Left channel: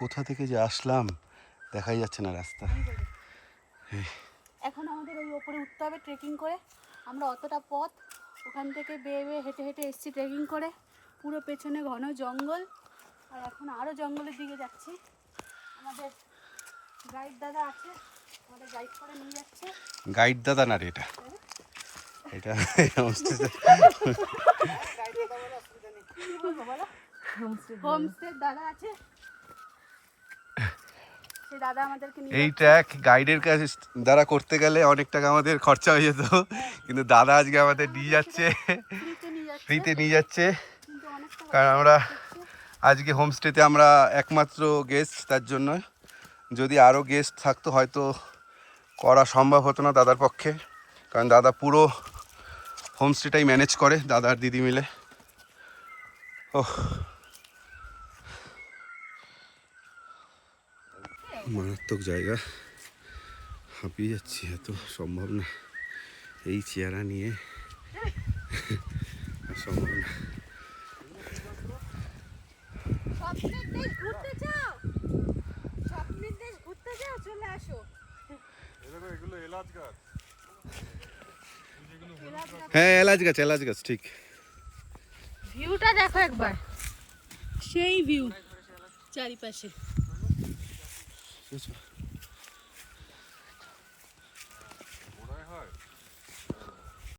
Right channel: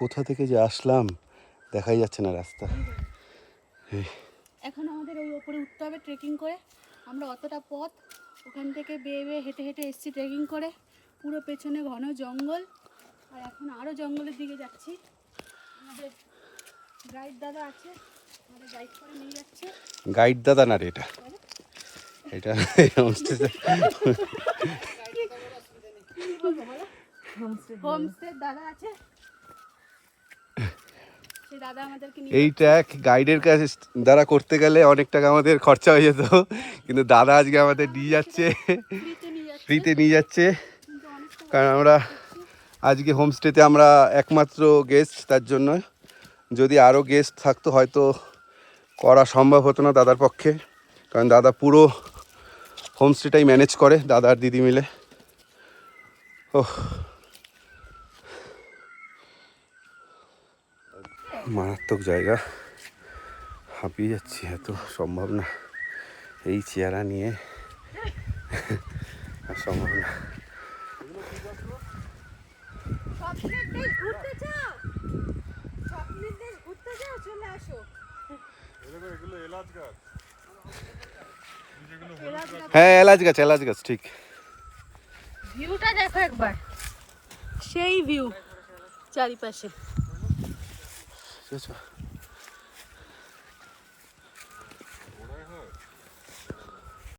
কোথা থেকে যে আসলাম দেখাই যাচ্ছে না রাস্তা। এখন আমাদের ওই ওপরে উঠতে হবে ট্রেকিং করে। আমরা অতটা পথ ওখান থেকে বেয়ে বেয়ে হেঁটে হেঁটে এসেছি ট্রেকিং করে, পুরো পেছনে ঘন জঙ্গল, আর এখন আরও জঙ্গলের দিকে যাচ্ছি। আমাদের গাইড দাদা আছে, আমাদের গাইড করে নিয়ে যাচ্ছে। গাইড দাদা না রে এটা, এটা হোমস্টে দাদা আছে, সেই দাদা আমাদেরকে নিয়ে এই যাচ্ছে। ট্র্যাক গাইডের কাছে দ্বারা করতে গেলে অনেক টাকা আমাদের খরচা হয়ে যেত, কিন্তু দাদা আজকে আমাদের নিয়ে যাচ্ছে, ফ্রিতে নিয়ে যাচ্ছে। কিন্তু অনেক টাকা কারণ আমরা আজকে হোমস্টেতে আমরা একমাত্র গেস্ট, তার জন্য যদি আরও গেস্ট থাকতো হয়তো করা সম্ভব হতো না দাদার পক্ষে, কারণ দাদা পুরো হোমস্টেটাই ম্যানেজ করে, দাদা আর দিদি মিলে। ওহ, মারাত্মক জায়গা, হাঁপিয়ে যাচ্ছি, এত সম্ভব না এই চেয়ারা নিয়ে, সম্ভব না। স্বপ্নের দেশ ঘুরতে চাও, স্বপ্নের দেশ ঘুরতে চাও, চলে আসো। এগুলো এলাচ গাছ, হ্যাঁ এলাচ গাছ ঠিক। ভিউটা দেখো একবার, সেই ভিউ চারিপাশে।